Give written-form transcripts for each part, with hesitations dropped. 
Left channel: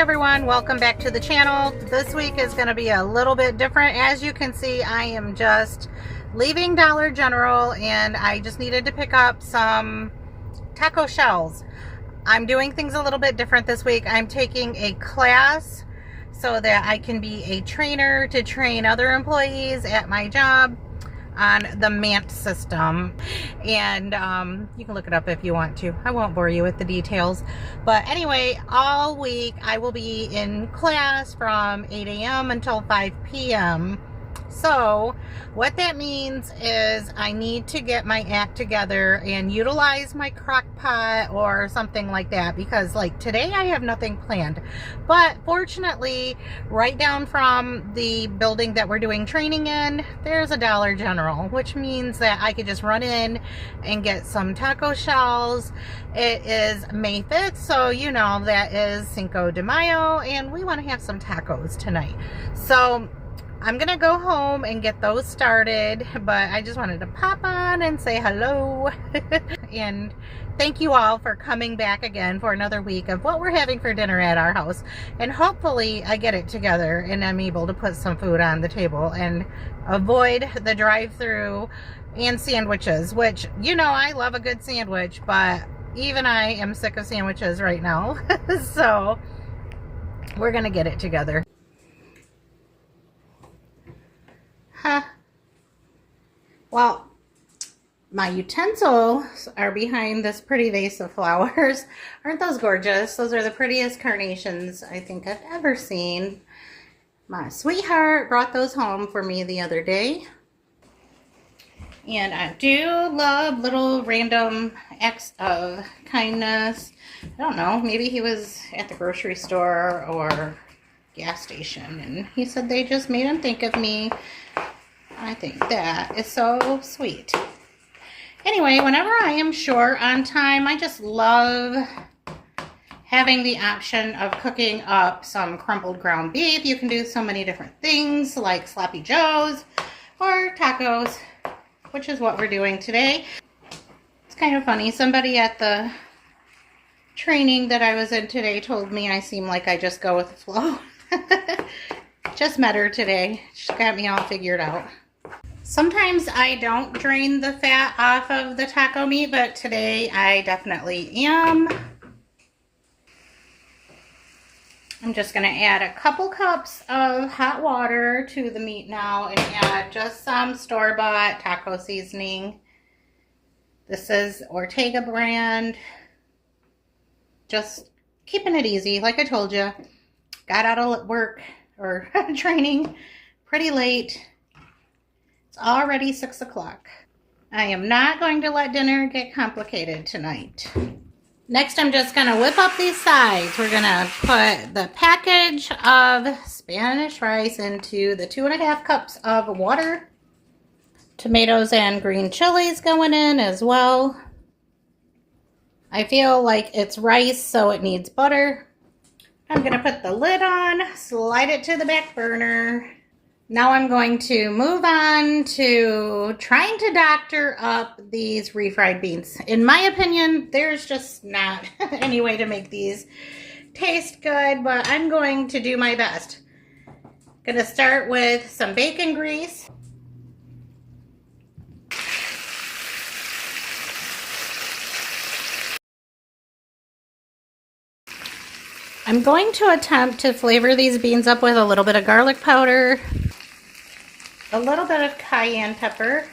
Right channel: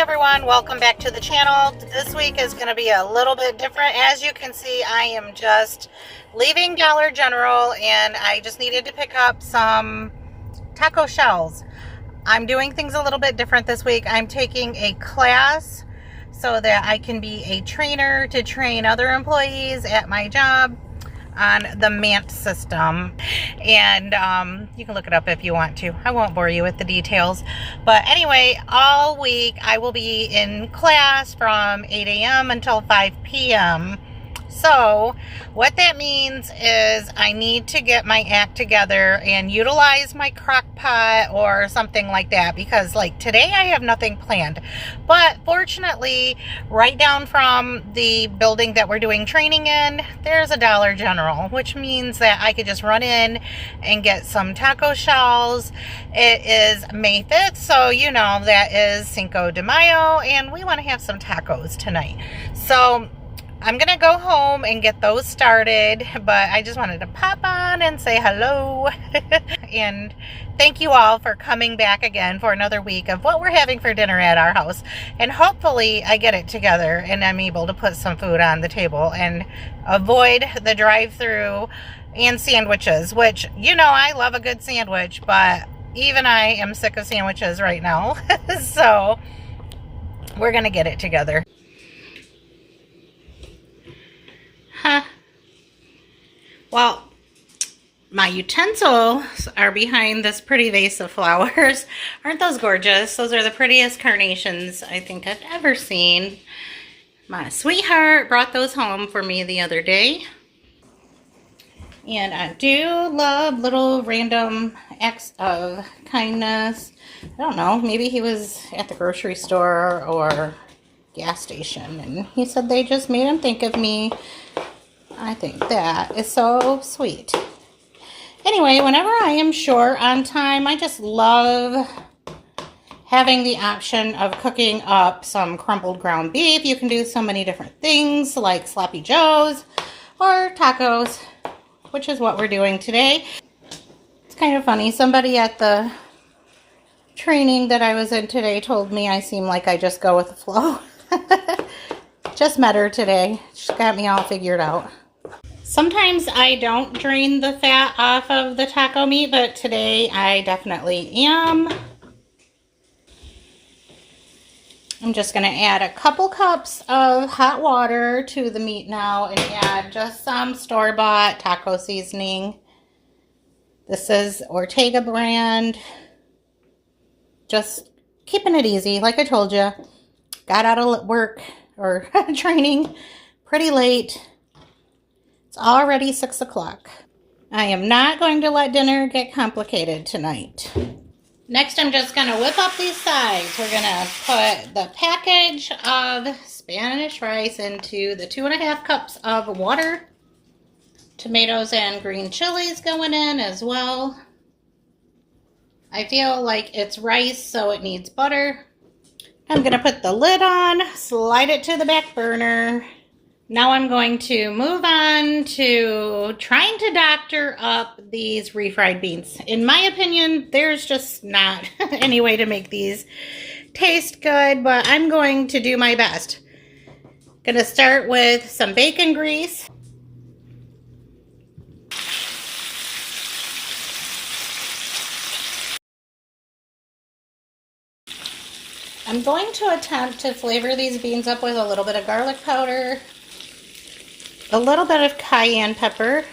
Everyone, welcome back to the channel. This week is going to be a little bit different. As you can see, I am just leaving Dollar General and I just needed to pick up some taco shells. I'm doing things a little bit different this week. I'm taking a class so that I can be a trainer to train other employees at my job on the MANT system, and you can look it up if you want to. I won't bore you with the details, but anyway, all week I will be in class from 8 a.m. until 5 p.m. So what that means is I need to get my act together and utilize my crock pot or something like that, because like today I have nothing planned. But fortunately, right down from the building that we're doing training in, there's a Dollar General, which means that I could just run in and get some taco shells. It is May 5th, so you know that is Cinco de Mayo, and we want to have some tacos tonight. So I'm going to go home and get those started, but I just wanted to pop on and say hello. And thank you all for coming back again for another week of what we're having for dinner at our house. And hopefully I get it together and I'm able to put some food on the table and avoid the drive-through and sandwiches, which, you know, I love a good sandwich, but even I am sick of sandwiches right now. So we're going to get it together. Well, my utensils are behind this pretty vase of flowers. Aren't those gorgeous? Those are the prettiest carnations I think I've ever seen. My sweetheart brought those home for me the other day. And I do love little random acts of kindness. I don't know, maybe he was at the grocery store or gas station and he said they just made him think of me. I think that is so sweet. Anyway, whenever I am short on time, I just love having the option of cooking up some crumbled ground beef. You can do so many different things like sloppy joes or tacos, which is what we're doing today. It's kind of funny. Somebody at the training that I was in today told me I seem like I just go with the flow. Just met her today. She's got me all figured out. Sometimes I don't drain the fat off of the taco meat, but today I definitely am. I'm just going to add a couple cups of hot water to the meat now and add just some store-bought taco seasoning. This is Ortega brand. Just keeping it easy, like I told you. Got out of work or training pretty late. It's already 6 o'clock. I am not going to let dinner get complicated tonight. Next, I'm just going to whip up these sides. We're going to put the package of Spanish rice into the 2.5 cups of water. Tomatoes and green chilies going in as well. I feel like it's rice, so it needs butter. I'm going to put the lid on, slide it to the back burner. Now I'm going to move on to trying to doctor up these refried beans. In my opinion, there's just not any way to make these taste good, but I'm going to do my best. Going to start with some bacon grease. I'm going to attempt to flavor these beans up with a little bit of garlic powder, a little bit of cayenne pepper.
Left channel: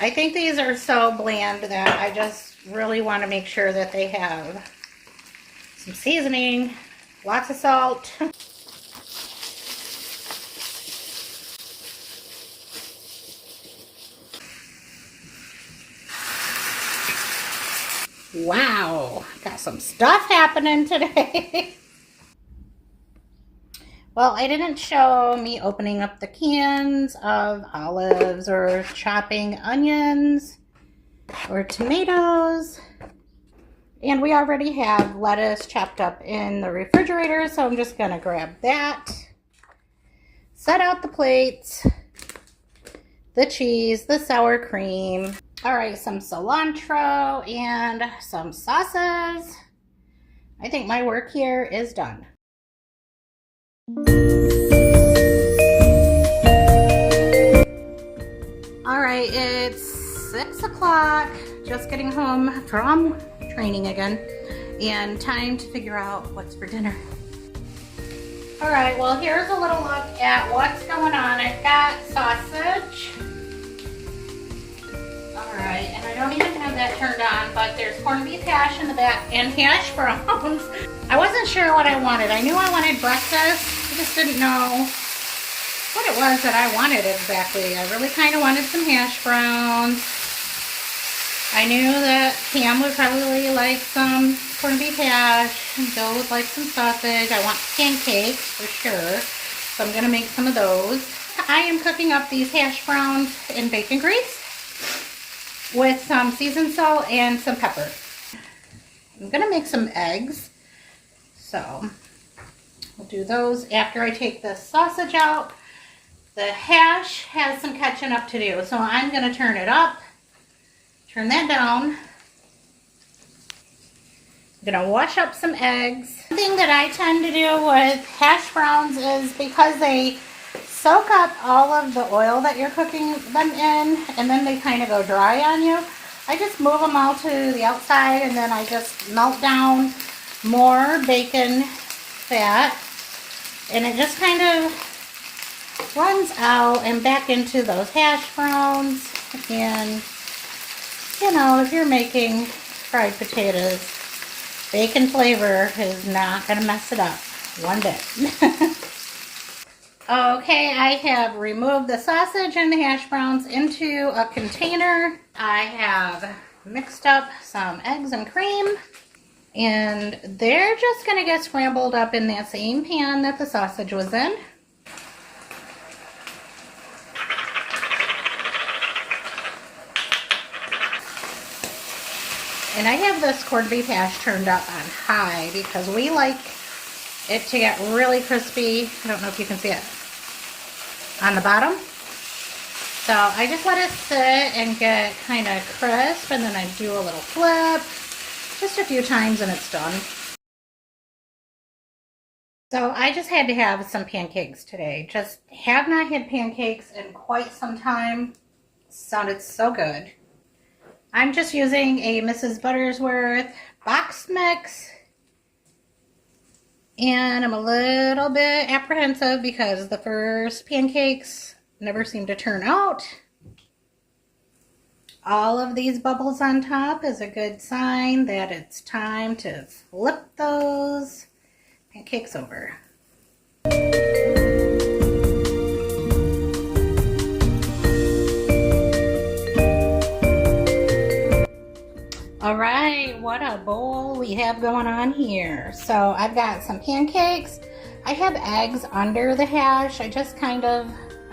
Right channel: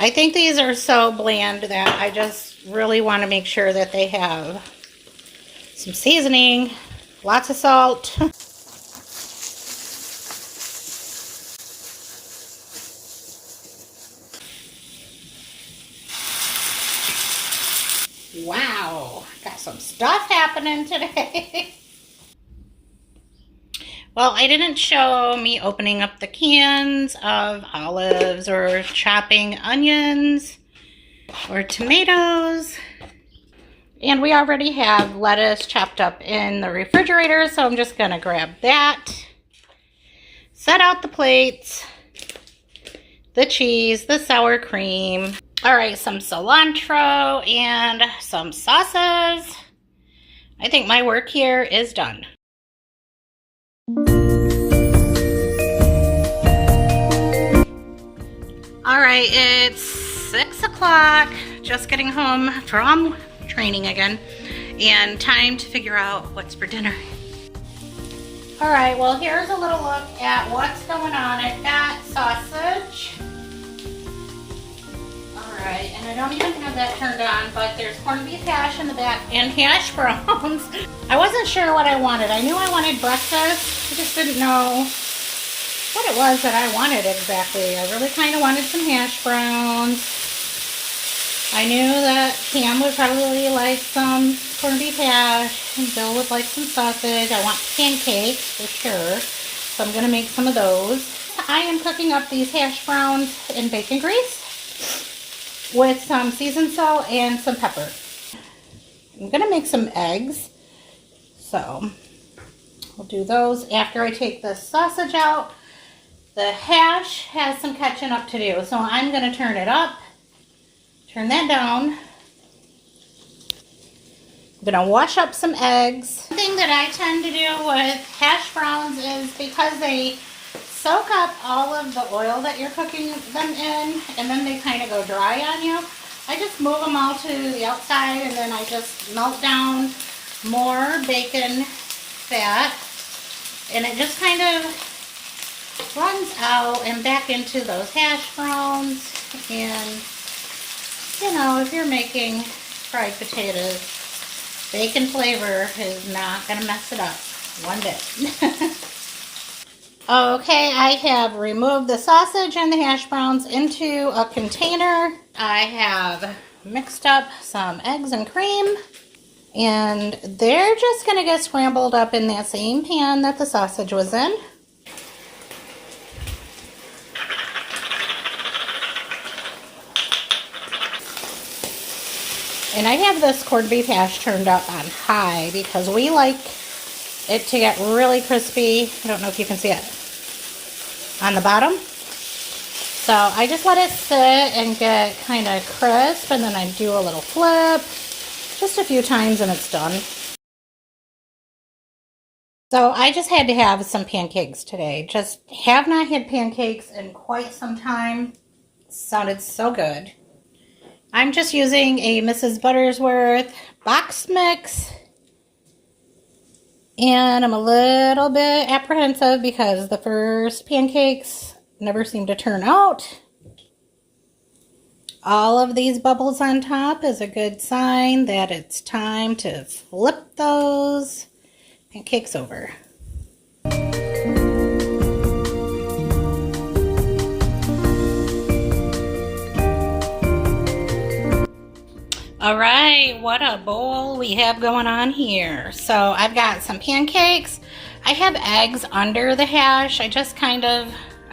I think these are so bland that I just really want to make sure that they have some seasoning, lots of salt. Wow, got some stuff happening today. Well, I didn't show me opening up the cans of olives or chopping onions or tomatoes. And we already have lettuce chopped up in the refrigerator, so I'm just gonna grab that. Set out the plates, the cheese, the sour cream. All right, some cilantro and some sauces. I think my work here is done. All right, it's 6 o'clock, just getting home from training again, and time to figure out what's for dinner. All right, well, here's a little look at what's going on. I've got sausage. All right, and I don't even have that turned on, but there's corned beef hash in the back and hash browns. I wasn't sure what I wanted. I knew I wanted breakfast. I just didn't know what it was that I wanted exactly. I really kind of wanted some hash browns. I knew that Cam would probably like some corned beef hash, and Bill would like some sausage. I want pancakes for sure, so I'm going to make some of those. I am cooking up these hash browns in bacon grease with some seasoned salt and some pepper. I'm going to make some eggs, so I'll do those after I take the sausage out. The hash has some catching up to do, so I'm going to turn it up. Turn that down. I'm gonna wash up some eggs. One thing that I tend to do with hash browns is because they soak up all of the oil that you're cooking them in, and then they kind of go dry on you. I just move them all to the outside, and then I just melt down more bacon fat, and it just kind of runs out and back into those hash browns. And you know, if you're making fried potatoes, bacon flavor is not going to mess it up one bit. Okay, I have removed the sausage and the hash browns into a container. I have mixed up some eggs and cream, and they're just going to get scrambled up in that same pan that the sausage was in. And I have this corned beef hash turned up on high because we like it to get really crispy. I don't know if you can see it on the bottom. So I just let it sit and get kind of crisp, and then I do a little flip just a few times and it's done. So I just had to have some pancakes today. Just have not had pancakes in quite some time. Sounded so good. I'm just using a Mrs. Buttersworth box mix, and I'm a little bit apprehensive because the first pancakes never seem to turn out. All of these bubbles on top is a good sign that it's time to flip those pancakes over. All right, what a bowl we have going on here. So I've got some pancakes. I have eggs under the hash. I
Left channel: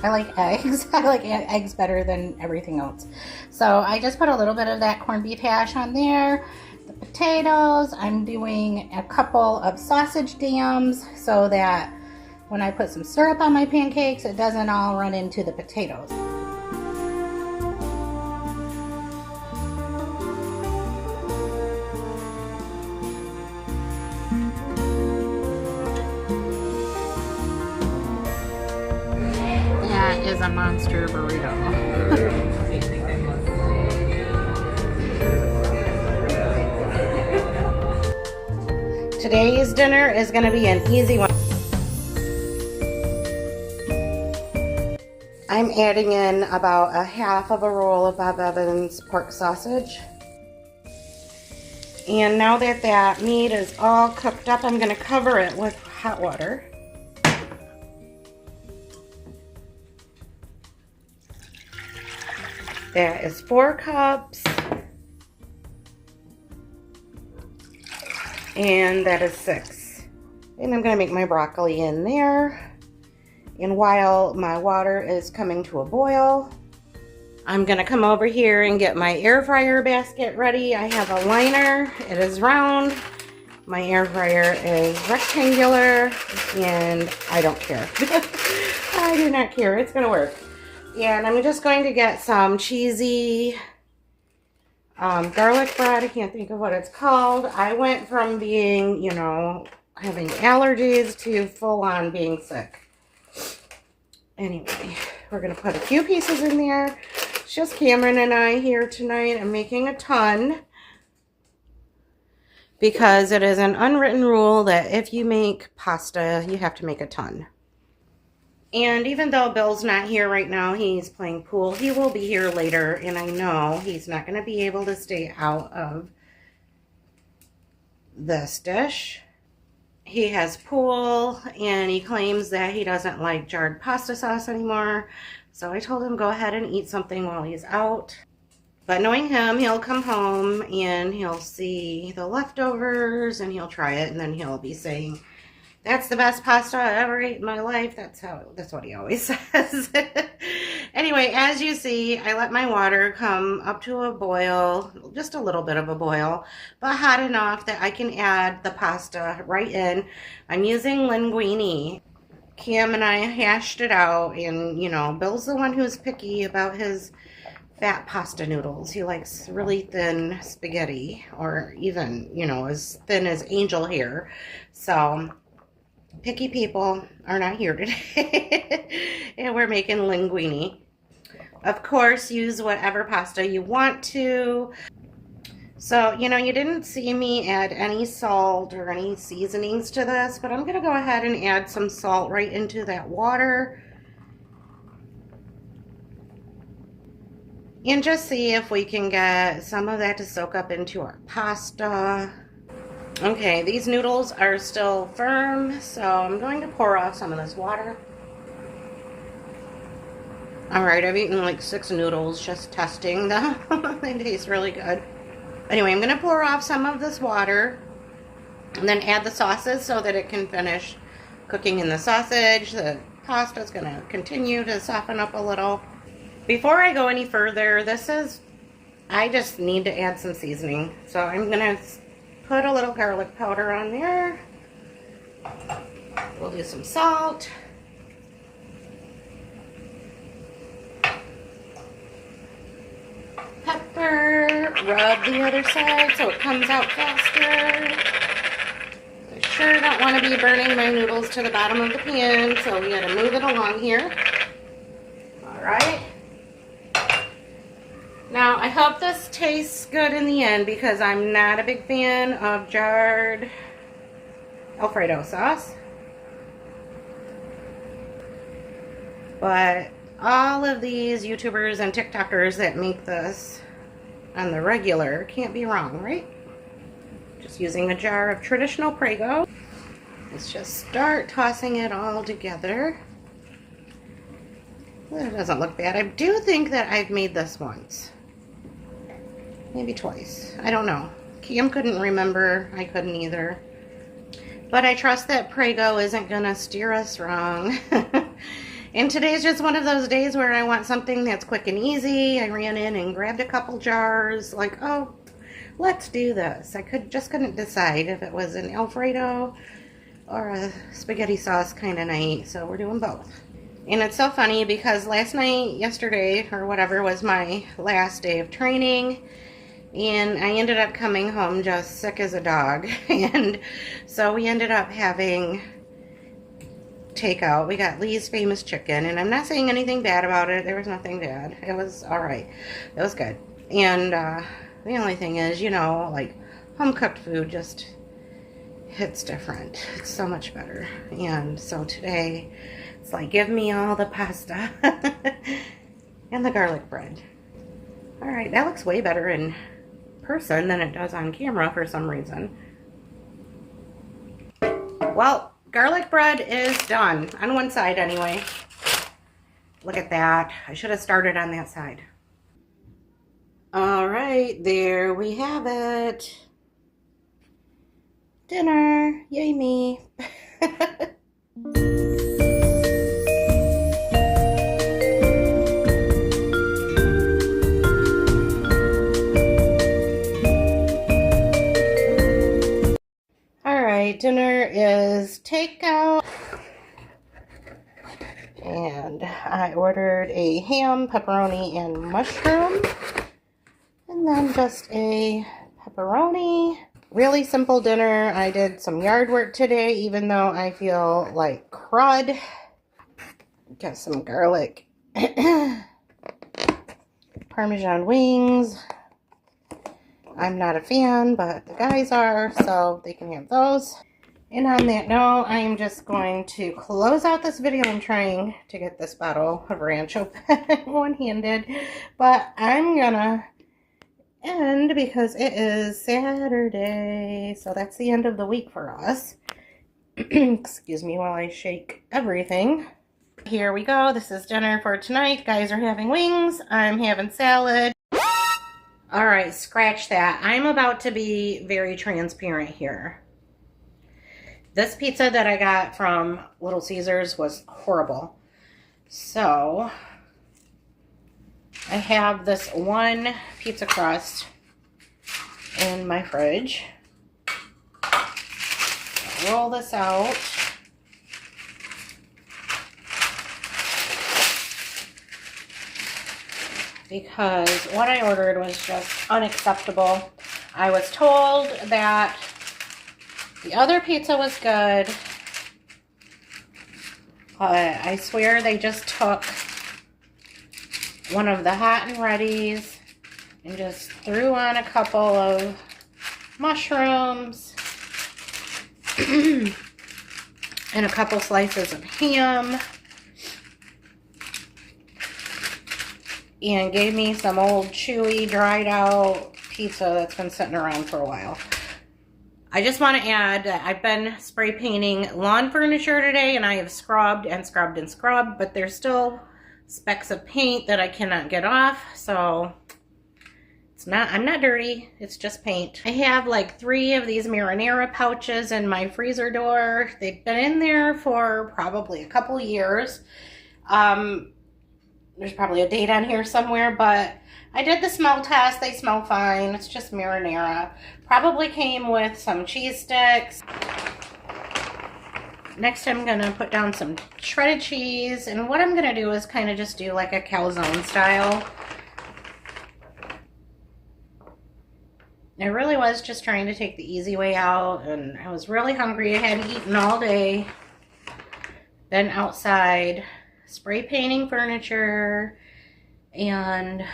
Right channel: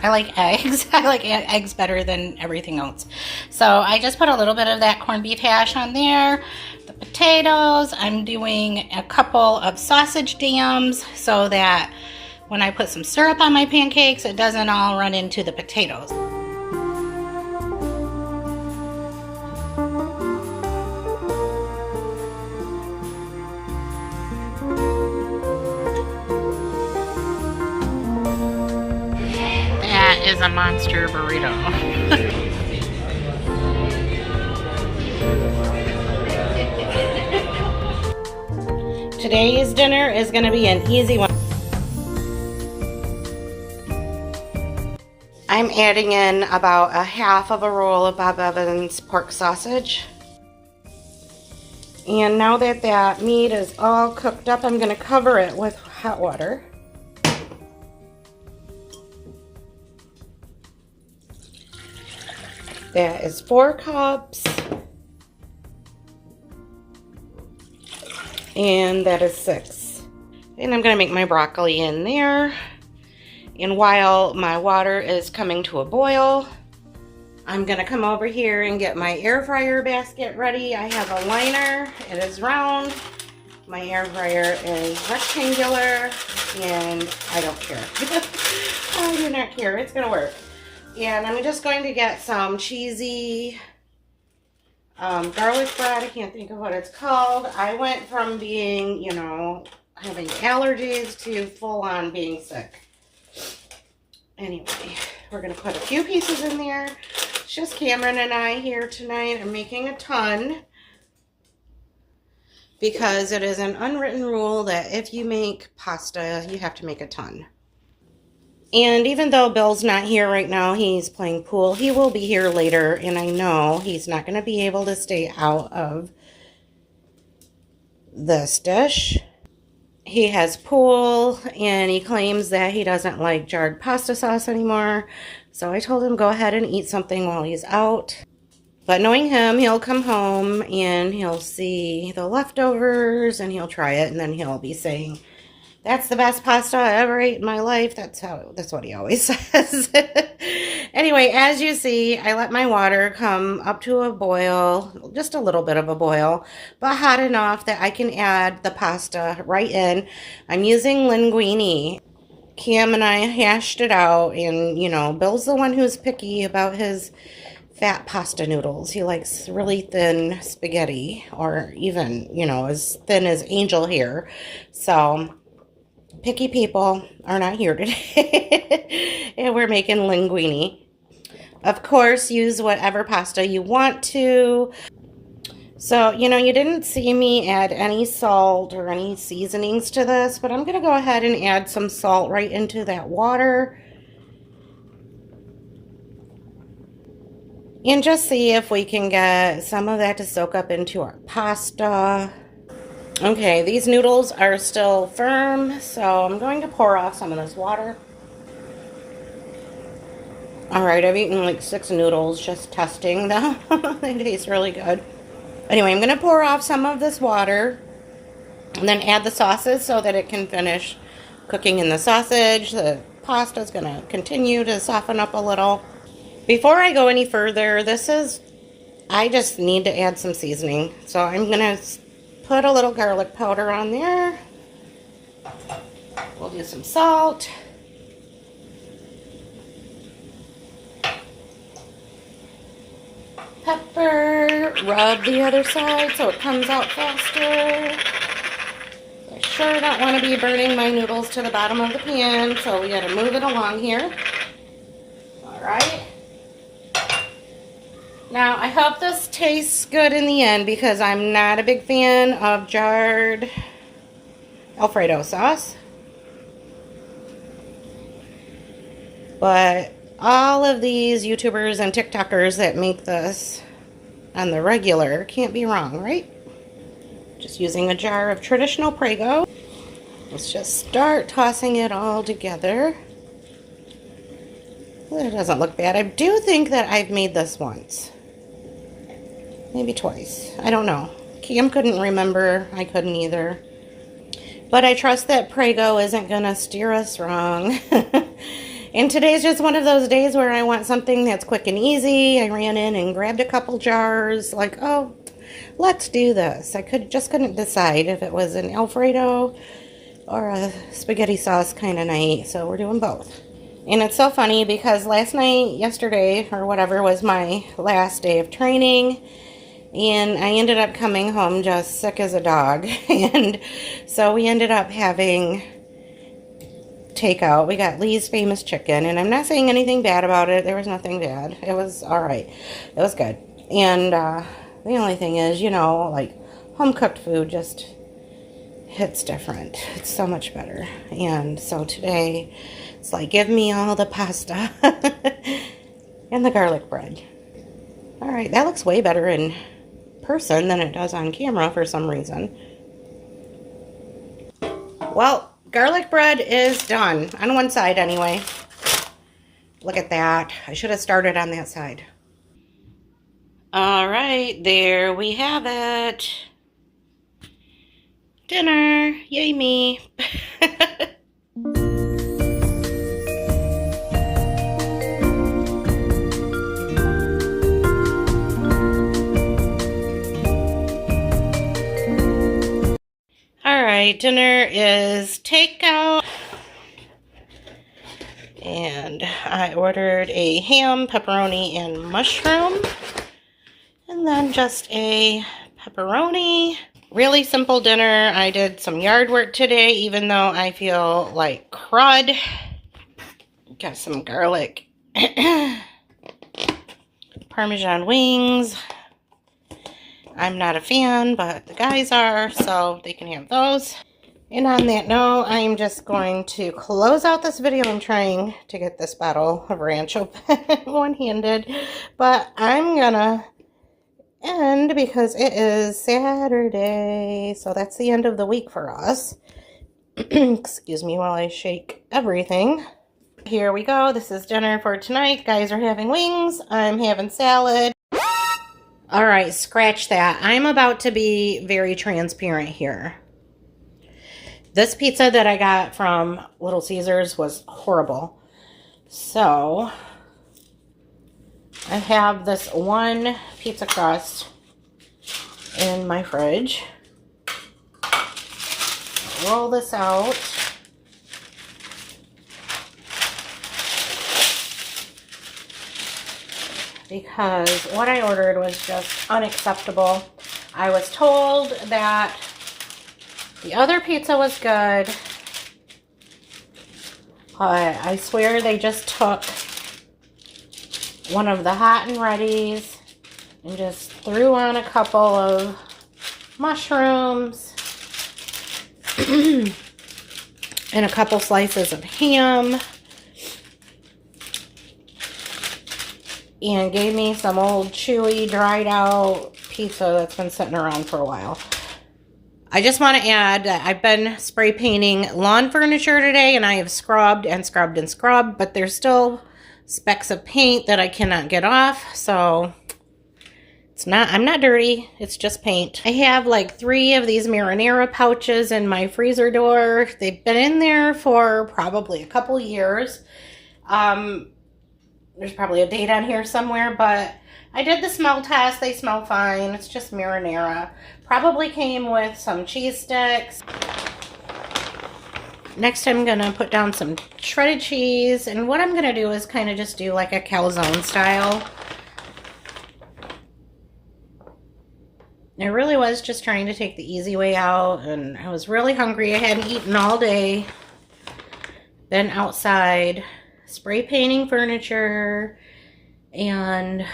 like eggs. I like eggs better than everything else. So I just put a little bit of that corned beef hash on there. The potatoes, I'm doing a couple of sausage dams so that when I put some syrup on my pancakes, it doesn't all run into the potatoes. That is a monster burrito. Today's dinner is going to be an easy one. I'm adding in about a half of a roll of Bob Evans pork sausage. And now that that meat is all cooked up, I'm going to cover it with hot water. That is 4 cups. And that is 6. And I'm going to make my broccoli in there. And while my water is coming to a boil, I'm gonna come over here and get my air fryer basket ready. I have a liner, it is round. My air fryer is rectangular, and I don't care. I do not care, it's gonna work. And I'm just going to get some cheesy garlic bread. I can't think of what it's called. I went from being, you know, having allergies to full on being sick. Anyway, we're gonna put a few pieces in there. It's just Cameron and I here tonight. I'm making a ton because it is an unwritten rule that if you make pasta, you have to make a ton. And even though Bill's not here right now, he's playing pool, he will be here later, and I know he's not going to be able to stay out of this dish. He has pool, and he claims that he doesn't like jarred pasta sauce anymore, so I told him go ahead and eat something while he's out. But knowing him, he'll come home, and he'll see the leftovers, and he'll try it, and then he'll be saying, "That's the best pasta I ever ate in my life." That's what he always says. Anyway, as you see, I let my water come up to a boil, just a little bit of a boil, but hot enough that I can add the pasta right in. I'm using linguine. Cam and I hashed it out, and, you know, Bill's the one who's picky about his fat pasta noodles. He likes really thin spaghetti, or even, you know, as thin as angel hair. So picky people are not here today. And we're making linguine. Of course, use whatever pasta you want to. So, you know, you didn't see me add any salt or any seasonings to this, but I'm going to go ahead and add some salt right into that water. And just see if we can get some of that to soak up into our pasta. Okay, these noodles are still firm, so I'm going to pour off some of this water. Alright, I've eaten like 6 noodles, just testing them. They taste really good. Anyway, I'm going to pour off some of this water, and then add the sauces so that it can finish cooking in the sausage. The pasta is going to continue to soften up a little. Before I go any further, I just need to add some seasoning. So I'm going to put a little garlic powder on there. We'll do some salt. Pepper. Rub the other side so it comes out faster. I sure don't want to be burning my noodles to the bottom of the pan, so we got to move it along here. Alright. Now, I hope this tastes good in the end because I'm not a big fan of jarred Alfredo sauce. But all of these YouTubers and TikTokers that make this on the regular can't be wrong, right? Just using a jar of traditional Prego. Let's just start tossing it all together. It doesn't look bad. I do think that I've made this once. Maybe twice. I don't know. Cam couldn't remember. I couldn't either. But I trust that Prego isn't going to steer us wrong. And today's just one of those days where I want something that's quick and easy. I ran in and grabbed a couple jars. Like, oh, let's do this. I just couldn't decide if it was an Alfredo or a spaghetti sauce kind of night. So we're doing both. And it's so funny because yesterday, or whatever, was my last day of training. And I ended up coming home just sick as a dog. And so we ended up having takeout. We got Lee's Famous Chicken. And I'm not saying anything bad about it. There was nothing bad. It was alright. It was good. And the only thing is, you know, like home-cooked food just hits different. It's so much better. And so today, it's like, give me all the pasta and the garlic bread. Alright, that looks way better in person than it does on camera for some reason. Well, garlic bread is done. On one side anyway. Look at that. I should have started on that side. Alright, there we have it. Dinner. Yay me. My dinner is takeout. And I ordered a ham, pepperoni, and mushroom. And then just a pepperoni. Really simple dinner. I did some yard work today, even though I feel like crud. Got some garlic. Parmesan wings. I'm not a fan, but the guys are, so they can have those. And on that note, I'm just going to close out this video. I'm trying to get this bottle of ranch open one-handed, but I'm gonna end because it is Saturday, so that's the end of the week for us. Excuse me while I shake everything. Here we go. This is dinner for tonight. Guys are having wings. I'm having salad. All right, scratch that. I'm about to be very transparent here. This pizza that I got from Little Caesars was horrible. So, I have this one pizza crust in my fridge. Roll this out. Because what I ordered was just unacceptable. I was told that the other pizza was good, but I swear they just took one of the hot and readies and just threw on a couple of mushrooms and a couple slices of ham and gave me some old chewy dried out pizza that's been sitting around for a while. I just want to add that I've been spray painting lawn furniture today, and I have scrubbed and scrubbed and scrubbed, but there's still specks of paint that I cannot get off, so I'm not dirty, it's just paint. I have like 3 of these marinara pouches in my freezer door. They've been in there for probably a couple years. There's probably a date on here somewhere, but I did the smell test. They smell fine. It's just marinara. Probably came with some cheese sticks. Next, I'm going to put down some shredded cheese. And what I'm going to do is kind of just do like a calzone style. I really was just trying to take the easy way out. And I was really hungry. I hadn't eaten all day. Been outside spray painting furniture and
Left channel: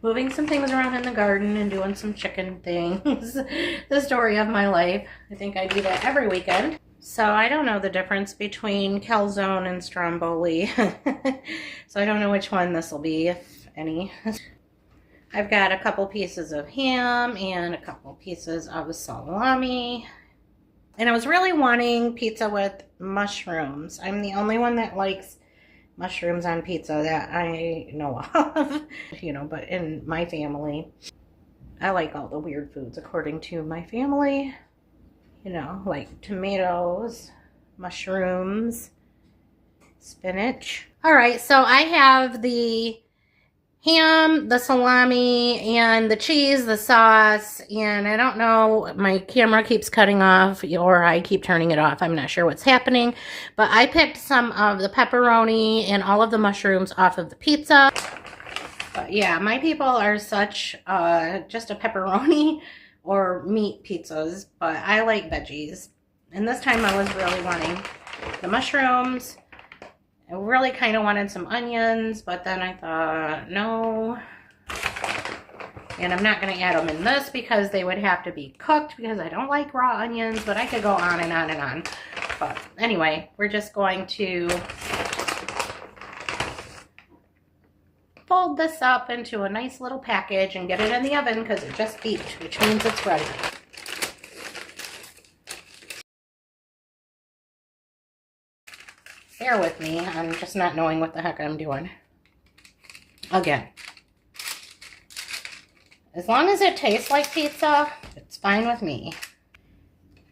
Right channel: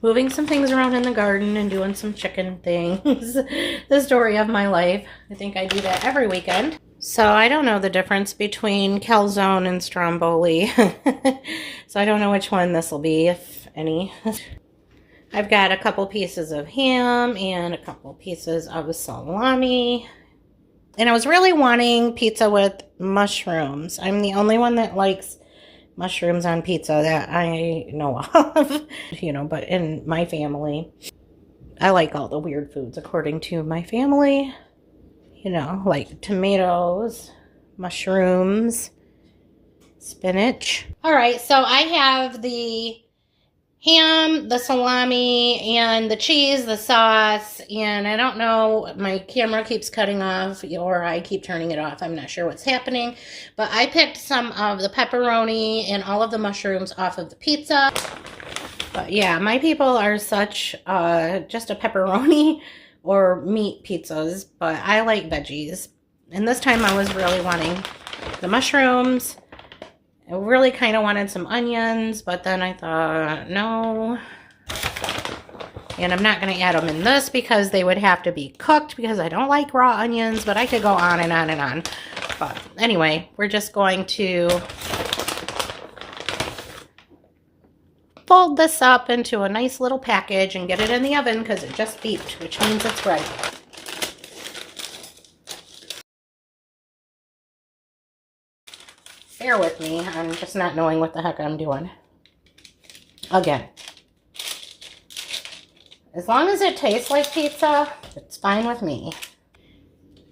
moving some things around in the garden and doing some chicken things. The story of my life. I think I do that every weekend. So I don't know the difference between calzone and stromboli. So I don't know which one this will be, if any. I've got a couple pieces of ham and a couple pieces of salami. And I was really wanting pizza with mushrooms. I'm the only one that likes mushrooms on pizza that I know of, but in my family, I like all the weird foods according to my family, like tomatoes, mushrooms, spinach. All right, so I have the ham, the salami, and the cheese, the sauce, and I don't know, my camera keeps cutting off, or I keep turning it off. I'm not sure what's happening, but I picked some of the pepperoni and all of the mushrooms off of the pizza. But yeah, my people are such just a pepperoni or meat pizzas, but I like veggies. And this time I was really wanting the mushrooms. I really kind of wanted some onions, but then I thought, no. And I'm not going to add them in this because they would have to be cooked because I don't like raw onions, but I could go on and on and on. But anyway, we're just going to fold this up into a nice little package and get it in the oven because it just beeped, which means it's ready. Bear with me, I'm just not knowing what the heck I'm doing. Again. As long as it tastes like pizza, it's fine with me.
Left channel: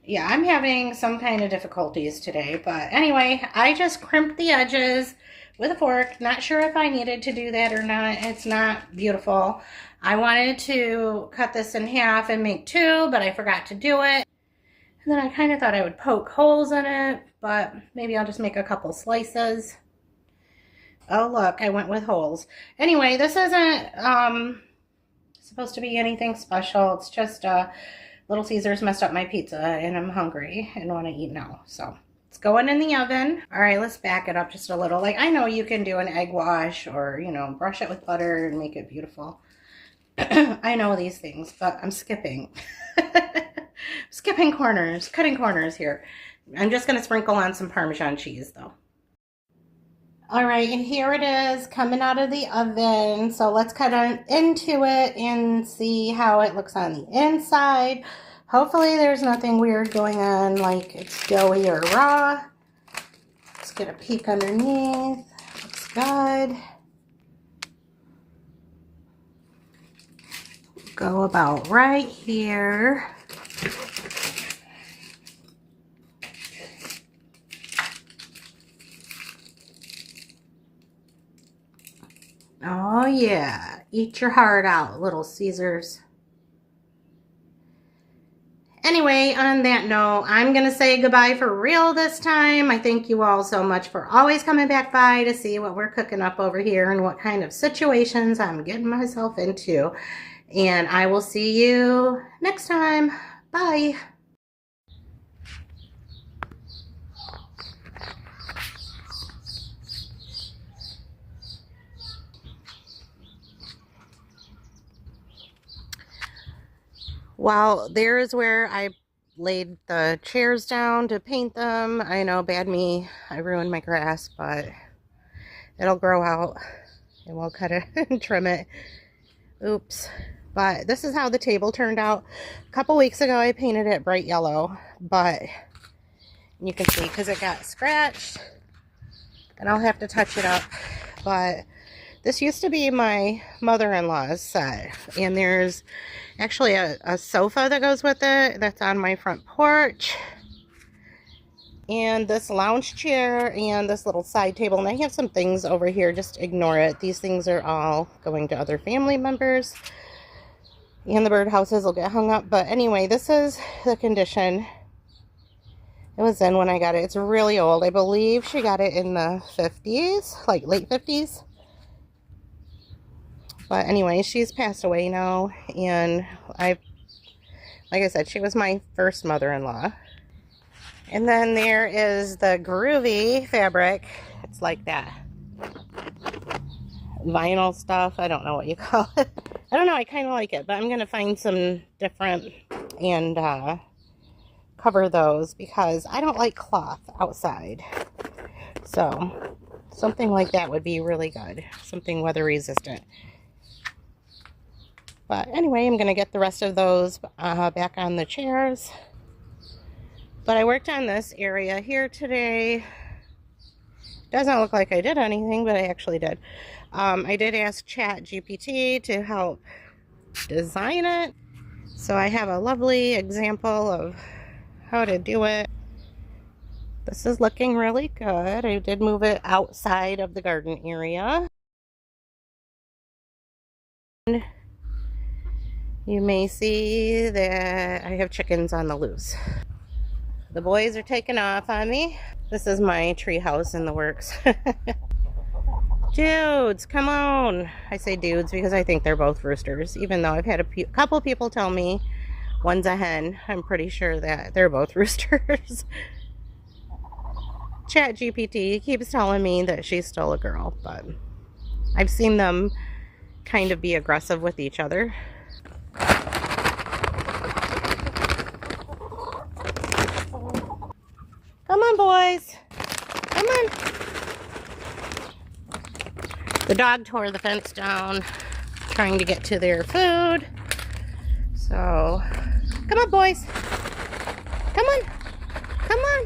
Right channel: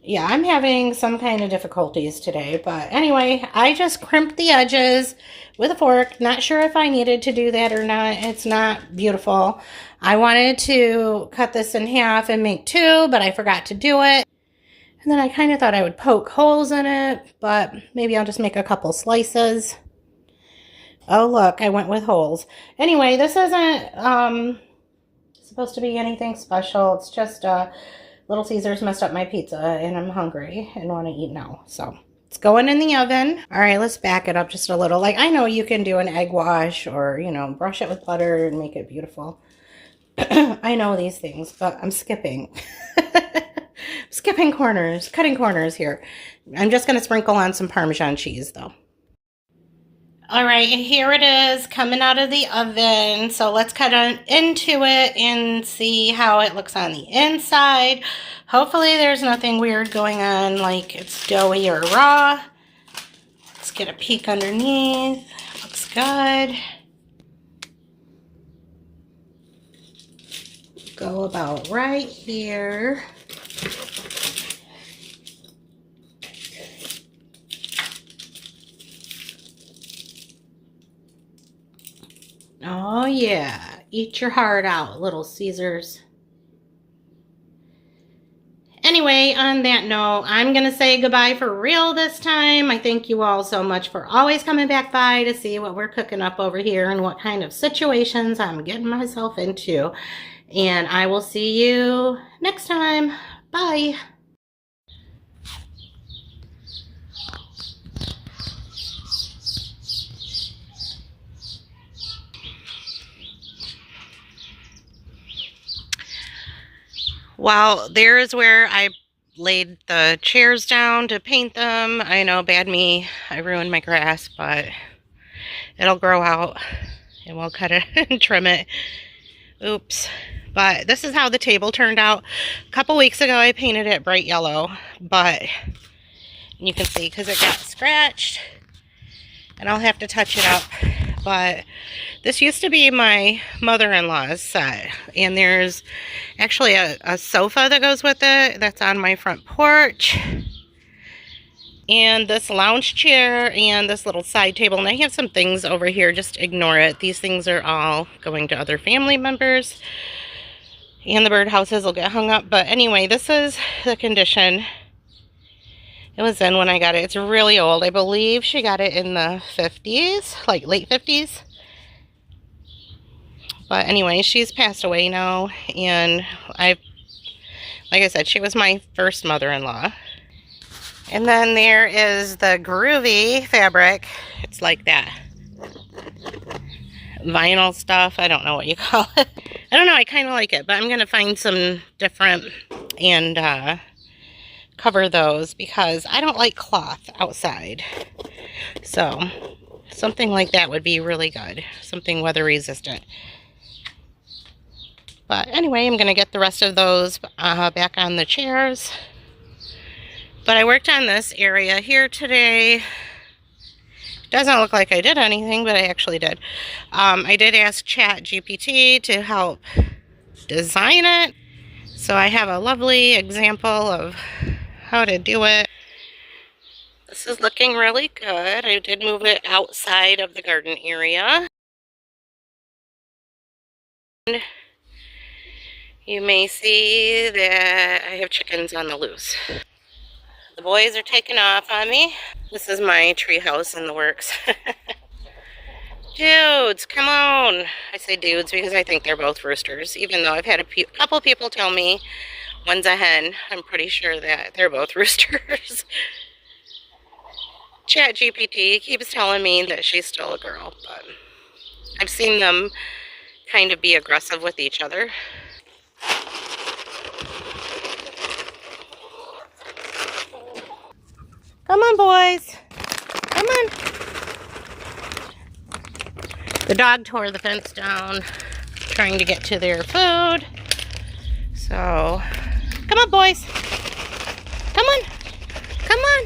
Yeah, I'm having some kind of difficulties today, but anyway, I just crimped the edges with a fork. Not sure if I needed to do that or not. It's not beautiful. I wanted to cut this in half and make 2, but I forgot to do it. And then I kind of thought I would poke holes in it, but maybe I'll just make a couple slices. Oh, look, I went with holes. Anyway, this isn't supposed to be anything special. It's just Little Caesars messed up my pizza and I'm hungry and want to eat now. So it's going in the oven. All right, let's back it up just a little. Like, I know you can do an egg wash or, you know, brush it with butter and make it beautiful. I know these things, but I'm skipping. Skipping corners, cutting corners here. I'm just going to sprinkle on some Parmesan cheese, though. All right, and here it is coming out of the oven. So let's cut on into it and see how it looks on the inside. Hopefully there's nothing weird going on, like it's doughy or raw. Let's get a peek underneath. Looks good. Go about right here. Oh yeah, eat your heart out, Little Caesars. Anyway, on that note, I'm going to say goodbye for real this time. I thank you all so much for always coming back by to see what we're cooking up over here and what kind of situations I'm getting myself into. And I will see you next time. Bye. Well, there is where I laid the chairs down to paint them. I know, bad me, I ruined my grass, but it'll grow out and we'll cut it and trim it. Oops. But this is how the table turned out. A couple weeks ago I painted it bright yellow, but you can see because it got scratched and I'll have to touch it up. But this used to be my mother-in-law's set, and there's actually a sofa that goes with it that's on my front porch, and this lounge chair and this little side table, and I have some things over here. Just ignore it. These things are all going to other family members, and the birdhouses will get hung up. But anyway, this is the condition it was in when I got it. It's really old. I believe she got it in the 50s, like late 50s. But anyway, she's passed away now, and like I said, she was my first mother-in-law. And then there is the groovy fabric. It's like that vinyl stuff. I don't know what you call it. I don't know. I kind of like it, but I'm going to find some different and cover those because I don't like cloth outside. So something like that would be really good. Something weather resistant. But anyway, I'm going to get the rest of those back on the chairs. But I worked on this area here today. Doesn't look like I did anything, but I actually did. I did ask ChatGPT to help design it. So I have a lovely example of how to do it. This is looking really good. I did move it outside of the garden area. And you may see that I have chickens on the loose. The boys are taking off on me. This is my tree house in the works. Dudes, come on. I say dudes because I think they're both roosters, even though I've had a couple people tell me one's a hen. I'm pretty sure that they're both roosters. ChatGPT keeps telling me that she's still a girl, but I've seen them kind of be aggressive with each other. Come on, boys. Come on. The dog tore the fence down trying to get to their food. So, come on, boys. Come on. Come on.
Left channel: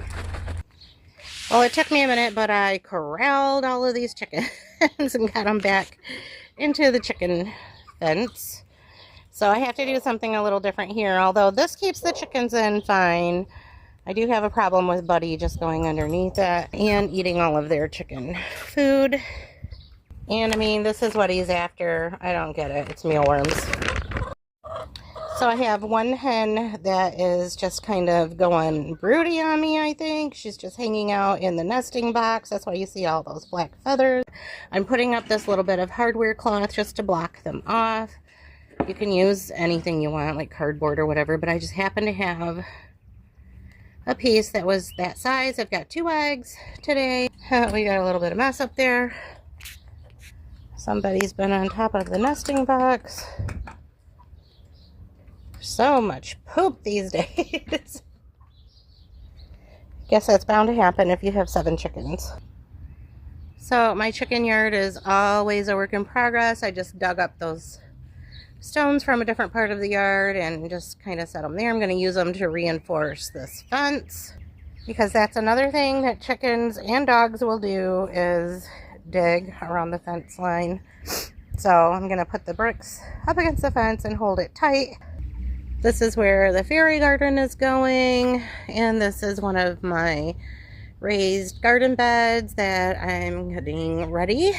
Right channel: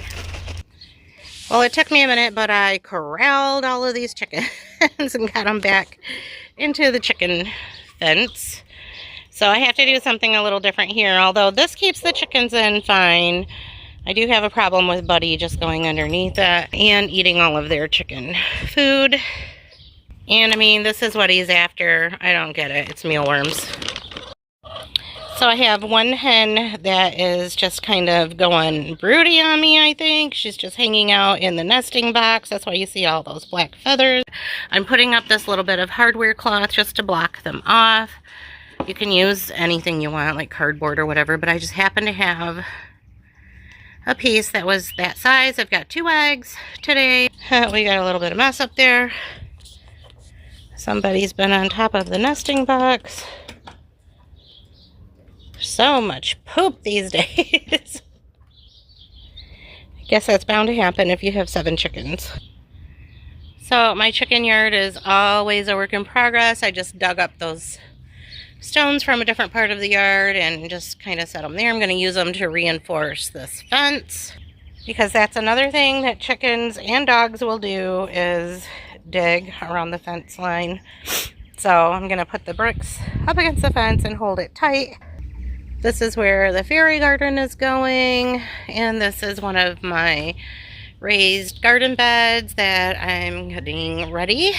Well, it took me a minute, but I corralled all of these chickens and got them back into the chicken fence. So I have to do something a little different here. Although this keeps the chickens in fine, I do have a problem with Buddy just going underneath it and eating all of their chicken food. And I mean, this is what he's after. I don't get it. It's mealworms. So I have one hen that is just kind of going broody on me, I think. She's just hanging out in the nesting box. That's why you see all those black feathers. I'm putting up this little bit of hardware cloth just to block them off. You can use anything you want, like cardboard or whatever, but I just happen to have a piece that was that size. I've got 2 eggs today. We got a little bit of mess up there. Somebody's been on top of the nesting box. So much poop these days. I guess that's bound to happen if you have 7 chickens. So my chicken yard is always a work in progress. I just dug up those stones from a different part of the yard and just kind of set them there. I'm going to use them to reinforce this fence, because that's another thing that chickens and dogs will do, is dig around the fence line. So I'm going to put the bricks up against the fence and hold it tight. This is where the fairy garden is going, and this is one of my raised garden beds that I'm getting ready.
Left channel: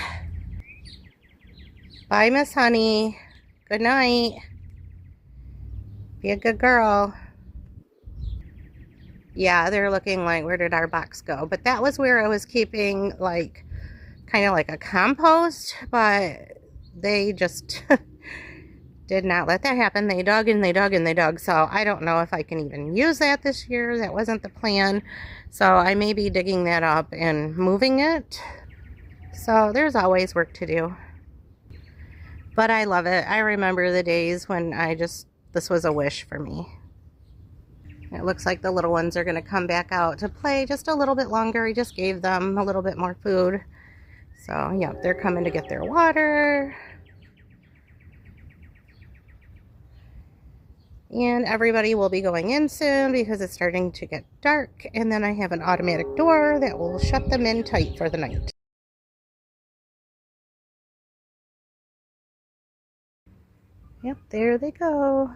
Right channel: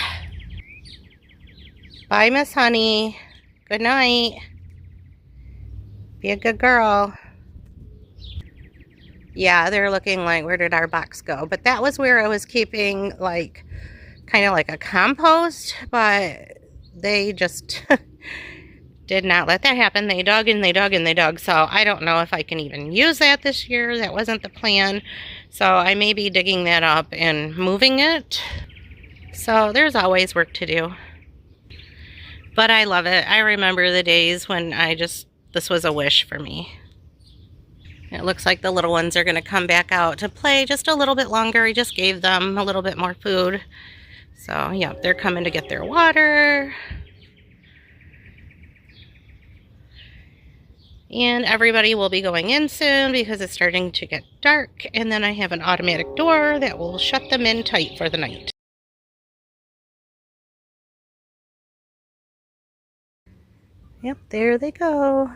Bye, Miss Honey. Good night. Be a good girl. Yeah, they're looking like, where did our box go? But that was where I was keeping, like, kind of like a compost, but they just did not let that happen. They dug and they dug and they dug. So I don't know if I can even use that this year. That wasn't the plan. So I may be digging that up and moving it. So there's always work to do. But I love it. I remember the days when this was a wish for me. It looks like the little ones are going to come back out to play just a little bit longer. I just gave them a little bit more food. So yeah, they're coming to get their water. And everybody will be going in soon because it's starting to get dark. And then I have an automatic door that will shut them in tight for the night. Yep, there they go.